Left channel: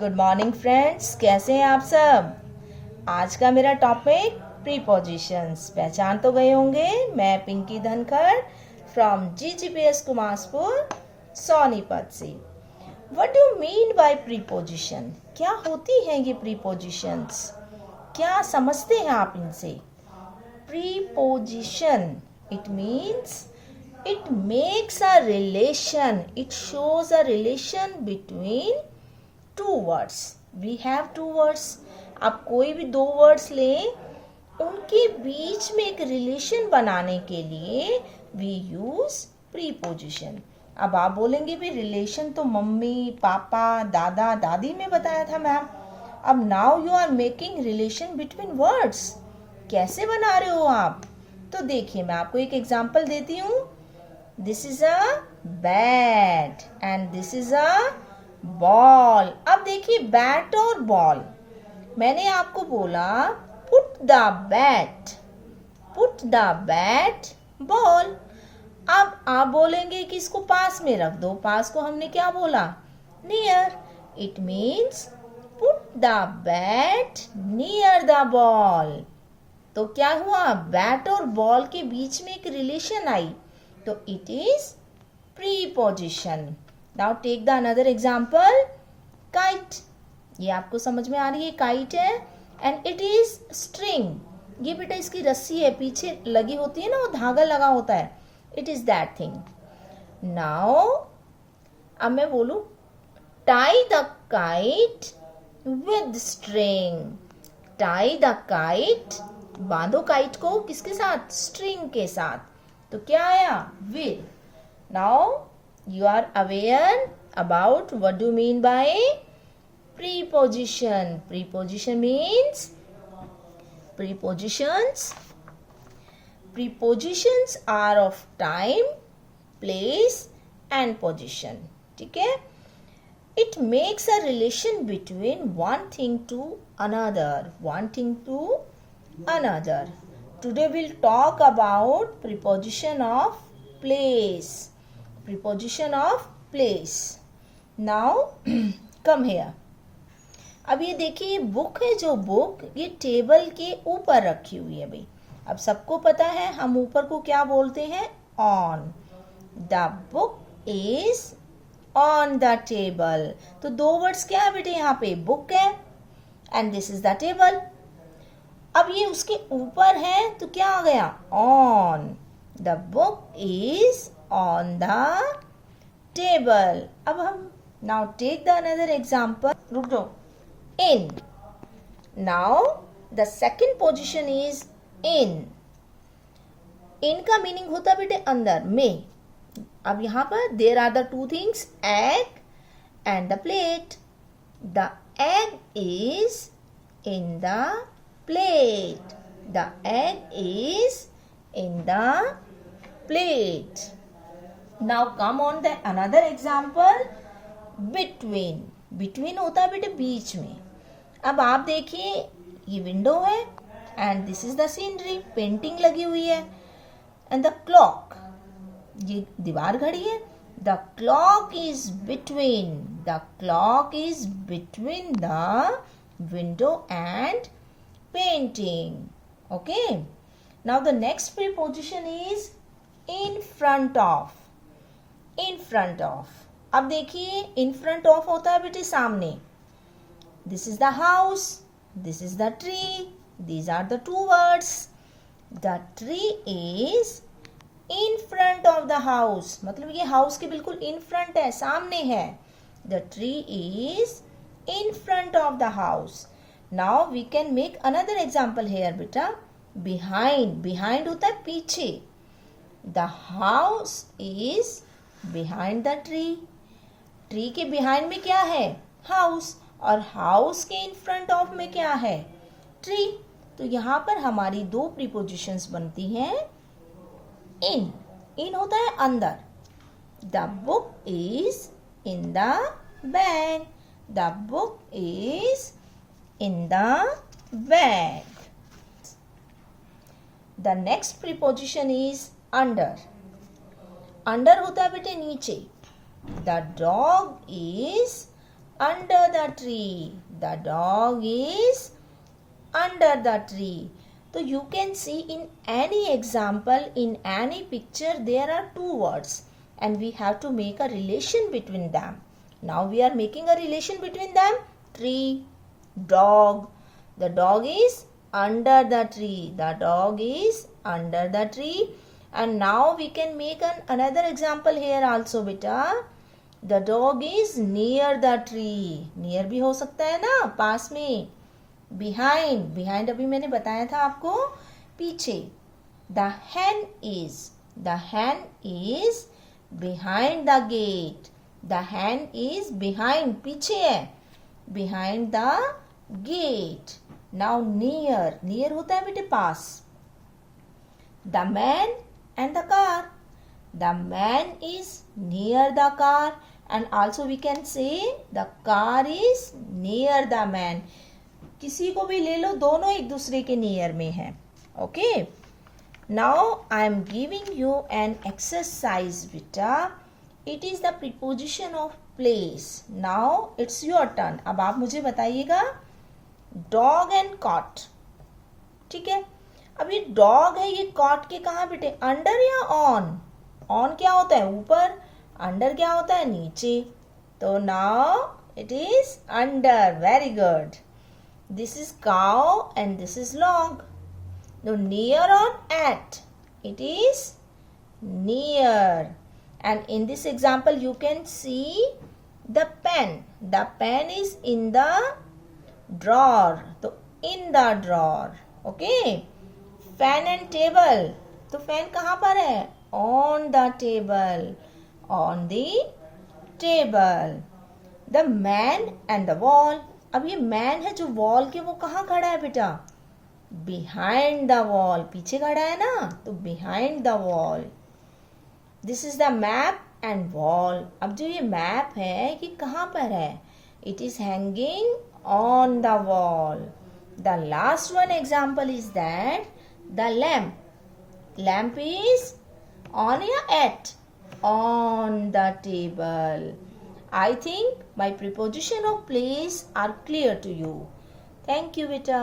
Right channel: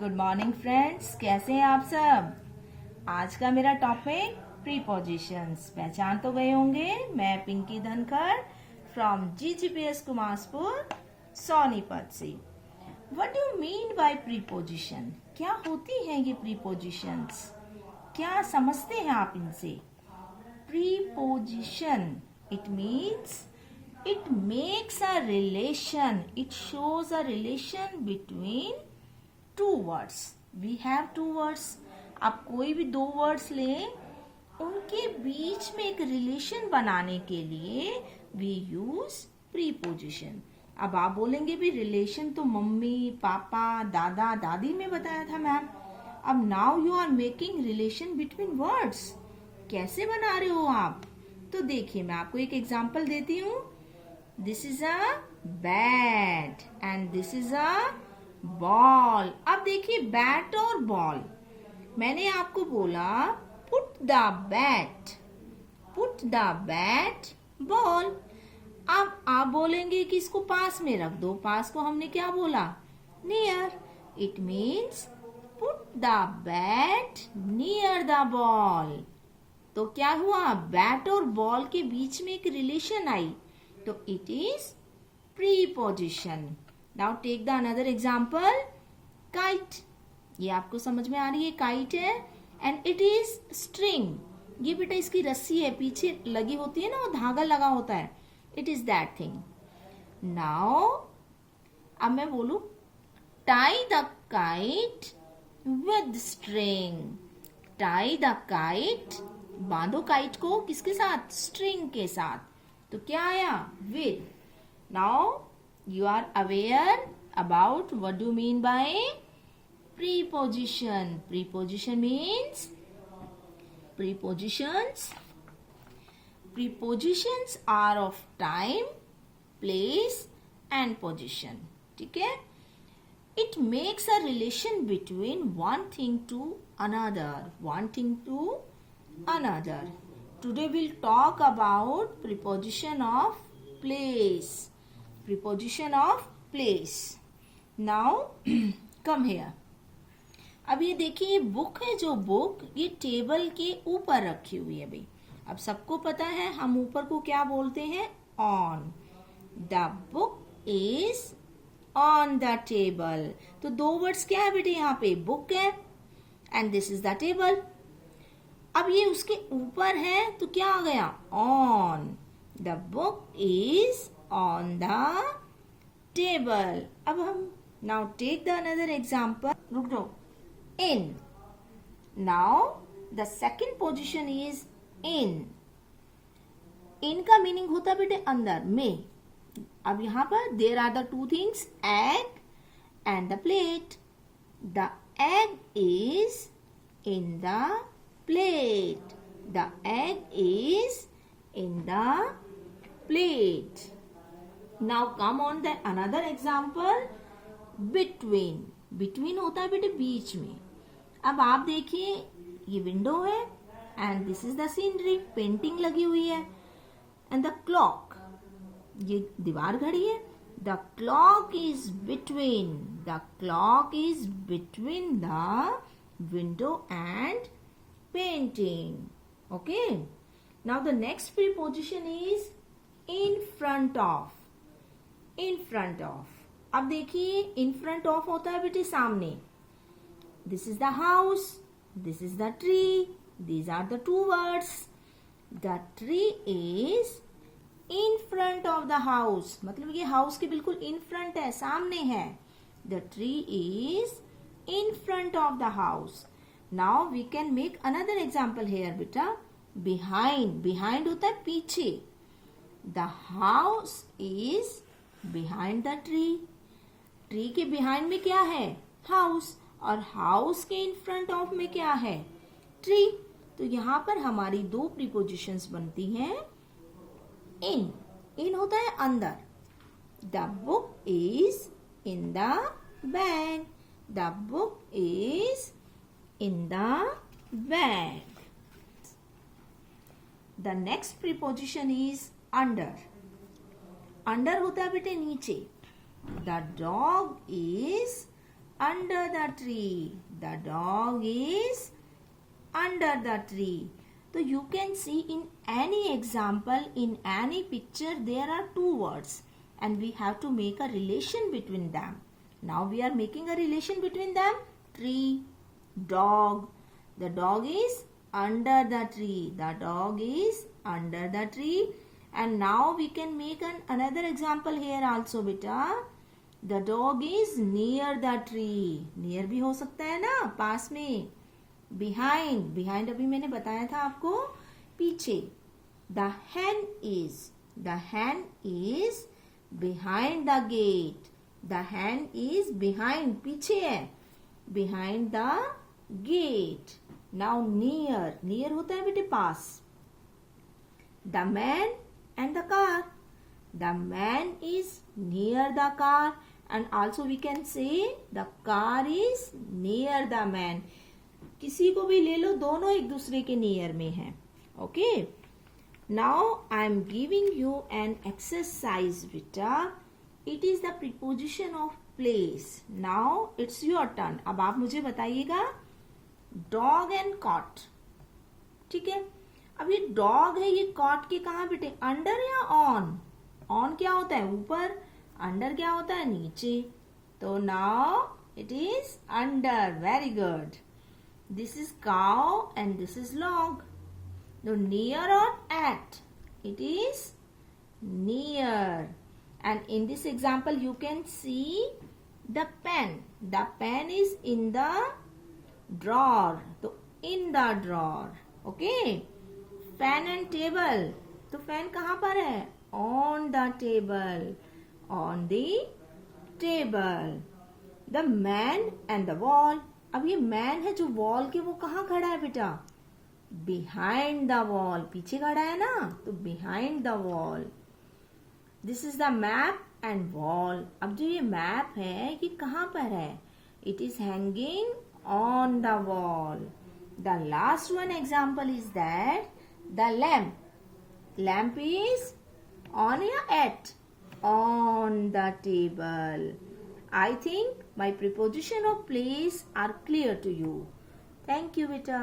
Good morning friends, कैसे हैं आप सब। आज का मेरा टॉपिक प्रीपोजिशंस। पहचान तो गए होंगे, मैं पिंकी धनखड़ फ्रॉम GGPS कुमारपुर सोनीपत से। What do mean by preposition? क्या होती हैं ये प्रीपोजिशंस? क्या समझते हैं आप इनसे? Preposition, it means it makes a relation, it shows a relation between two words. We have two words. आप कोई भी दो वर्ड्स लें, उनके बीच में एक रिलेशन बनाने के लिए we use preposition. अब आप बोलेंगे भी रिलेशन तो मम्मी पापा दादा दादी में बताया था मैम। अब now you are making relation between words. कैसे बना रहे हो आप? तो देखिए, मैं आपको एक एग्जांपल देती हूँ। This is a bat and this is a ball. अब देखिए, बैट और बॉल। मैंने आपको बोला put the bat, put the bat ball. अब आप बोलेंगे कि इसको पास में रख दो। पास को हमने क्या बोला? near. It means put the bat near the ball. तो क्या हुआ? बैट और बॉल के बीच में एक रिलेशन आई, तो it is preposition. Now take the another example. Kite. ये आपको समझ में आ रही है, kite है and it is string. ये बेटा इसकी रस्सी है, पीछे लगी होती है ना, वो धागा लगा होता है। It is that thing. Now अब मैं बोलूं tie the kite with string. Tie the kite, बांधो काइट को किसके साथ? स्ट्रिंग के साथ। तो क्या आया? with. Now you are aware about what do you mean by preposition. Preposition means prepositions are of time, place and position. ठीक है? It makes a relation between one thing to another. Today we'll talk about preposition of place. Now come here. अब ये देखिए, book है, जो book ये table के ऊपर रखी हुई है भाई। अब सबको पता है हम ऊपर को क्या बोलते हैं? On. The book is on the table. तो दो वर्ड्स क्या है बेटे यहाँ पे? बुक है and this is the table. अब ये उसके ऊपर है तो क्या आ गया? On. The book is on the table. अब हम now take the another example. रुक जाओ। In. Now the second position is in. In का मीनिंग होता है बेटे अंदर में। अब यहां पर there are the two things, egg and the plate. The egg is in the plate. The egg is in the plate. Now come on the another example. Between. Between होता है बेटे बीच में। अब आप देखिए, ये विंडो है and this is the scenery. Painting लगी हुई है and the clock. ये दीवार घड़ी है। The clock is between. The clock is between the window and painting. Okay. Now the next preposition is in front of. अब देखिए, in front of होता है बेटे सामने। This is the house. This is the tree. These are the two words. The tree is in front of the house. मतलब ये house के बिल्कुल in front है, सामने है। The tree is in front of the house. Now we can make another example here बेटा। behind होता है पीछे। The house is behind the tree के behind में क्या है? house। और house के in front of में क्या है? tree। तो यहाँ पर हमारी दो prepositions बनती हैं। in होता है अंदर। The book is in the bag. The book is in the bag. The next preposition is under. Under होता है बेटे नीचे। The dog is under the tree. The dog is under the tree. So you can see in any example, in any picture, there are two words and we have to make a relation between them. Now we are making a relation between them. Tree, dog. The dog is under the tree. The dog is under the tree. And now we can make another example here also, beta. The dog is near the tree. Near भी हो सकता है ना, पास में. Behind अभी मैंने बताया था आपको, पीछे. The hen is behind the gate. The hen is behind, पीछे है, behind the gate. Now near होता है बेटे पास. The man and the car. The man is near the car, and also we can say the car is near the man. किसी को भी ले लो, दोनों एक दूसरे के नियर में है. Okay. Now I am giving you an exercise बेटा. It is the preposition of place. Now it's your turn. अब आप मुझे बताइएगा डॉग एंड कॉट. ठीक है. अब ये डॉग है, ये कॉट के कहाँ बेटे, अंडर या ऑन? ऑन क्या होता है, ऊपर. अंडर क्या होता है, नीचे. तो now it is under. Very good. This is cow and this is long. Now near or at? It is near. And in this example you can see the pen. The pen is in the drawer. So in the drawer. Okay. Fan and table. तो fan कहाँ पर है? On the table. On the table. The man and the wall. अब ये man है जो wall के, वो कहाँ खड़ा है बेटा, बिहाइंड द वॉल. पीछे खड़ा है ना, तो behind the wall. This is the map and wall. अब जो ये मैप है ये कहाँ पर है, it is hanging on the wall. The last one example is that the lamp. Lamp is on या eight, on the table. I think my preposition of place are clear to you. Thank you, beta.